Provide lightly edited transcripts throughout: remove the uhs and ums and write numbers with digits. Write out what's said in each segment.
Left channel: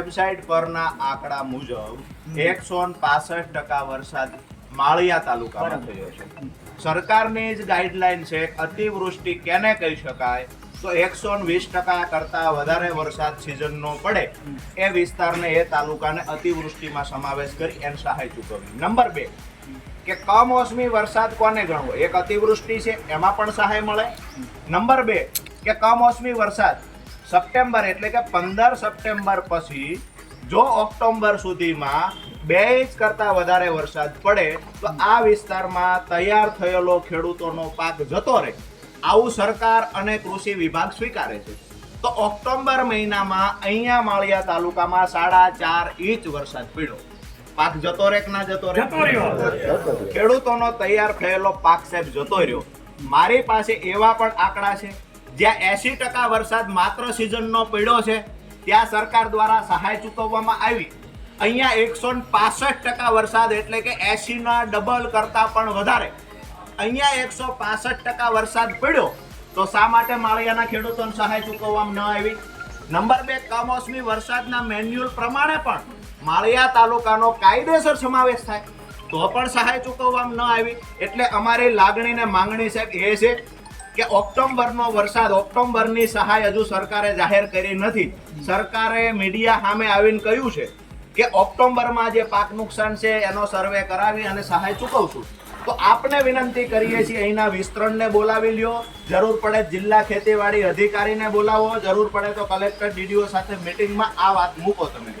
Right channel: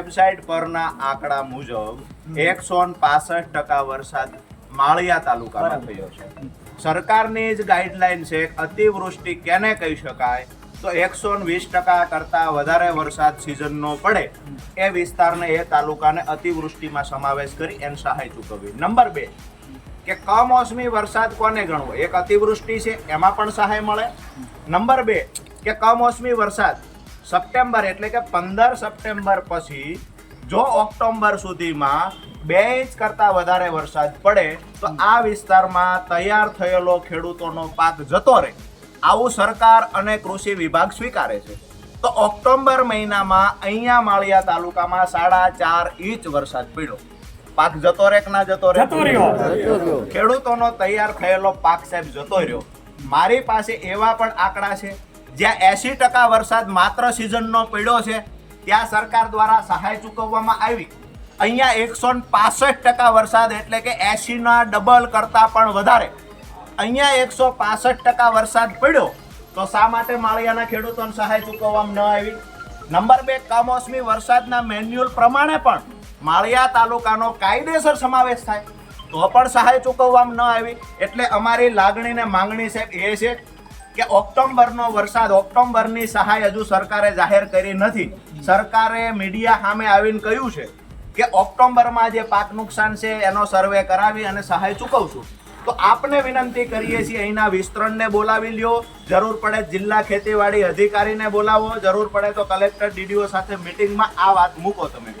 Website પરના આંકડા મુજબ 165% વરસાદ માળિયા તાલુકામાં થયો છે. સરકારની જ ગાઈડલાઈન છે અતિવૃષ્ટિ કેને કહી શકાય તો 120% કરતા વધારે વરસાદ સિઝનનો પડે એ વિસ્તારને એ તાલુકાને અતિવૃષ્ટિમાં સમાવેશ કરી એને સહાય ચૂકવવી. નંબર 2 કે કમોસમી વરસાદ કોને ગણવો? એક અતિવૃષ્ટિ છે એમાં પણ સહાય મળે. નંબર 2 કે કમોસમી વરસાદ સપ્ટેમ્બર એટલે કે 15 સપ્ટેમ્બર પછી જો ઓક્ટોબર સુધીમાં 2 ઇંચ કરતા વધારે વરસાદ પડે તો આ વિસ્તારમાં તૈયાર થયેલો ખેડૂતોનો પાક જતો રહે, આવું સરકાર અને કૃષિ વિભાગ સ્વીકારે છે. તો ઓક્ટોબર મહિનામાં અહીંયા માળિયા તાલુકામાં 4.5 ઇંચ વરસાદ પડ્યો. પાક જતો રહે કે ના જતો રહે? ખેડૂતોનો તૈયાર થયેલો પાક સાહેબ જતો રહ્યો. મારી પાસે એવા પણ આંકડા છે જ્યાં 80% વરસાદ માત્ર સિઝનનો પડ્યો છે, ત્યાં સરકાર દ્વારા સહાય ચૂકવવામાં આવી. અહીંયા 165% વરસાદ એટલે કે 80ના ડબલ કરતા પણ વધારે અહીંયા 165% વરસાદ પડ્યો તો શા માટે માળિયાના ખેડૂતોને સહાય ચૂકવવામાં ન આવી? નંબર 2 કમોસમી વરસાદના મેન્યુઅલ પ્રમાણે પણ માળિયા તાલુકાનો કાયદેસર સમાવેશ થાય તો પણ સહાય ચૂકવવામાં ન આવી. એટલે અમારી લાગણી ને માંગણી સાહેબ એ છે કે ઓક્ટોબરનો વરસાદ, ઓક્ટોબરની સહાય હજુ સરકારે જાહેર કરી નથી. સરકારે મીડિયા સામે આવીને કહ્યું છે કે ઓક્ટોબરમાં જે પાક નુકસાન છે એનો સર્વે કરાવી અને સહાય ચૂકવશું. તો આપને વિનંતી કરીએ છીએ અહીંના વિસ્તરણને બોલાવી લ્યો, જરૂર પડે જિલ્લા ખેતીવાડી અધિકારીને બોલાવો, જરૂર પડે તો કલેક્ટર ડીડીઓ સાથે મિટિંગમાં આ વાત મૂકો તમે.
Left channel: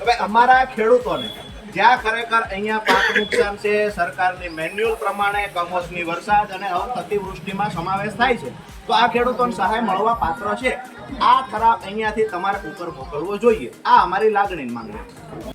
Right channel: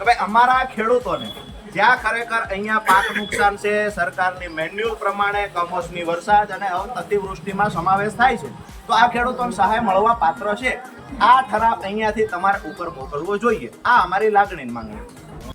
હવે અમારા ખેડૂતોને જ્યાં ખરેખર અહીંયા પાક નુકસાન છે, સરકારની મેન્યુઅલ પ્રમાણે કમોસમી વરસાદ અને અતિવૃષ્ટિમાં સમાવેશ થાય છે, તો આ ખેડૂતોને સહાય મળવા પાત્ર છે. આ ઠરાવ અહીંયાથી તમારે ઉપર મોકલવો જોઈએ. આ અમારી લાગણી માંગણી.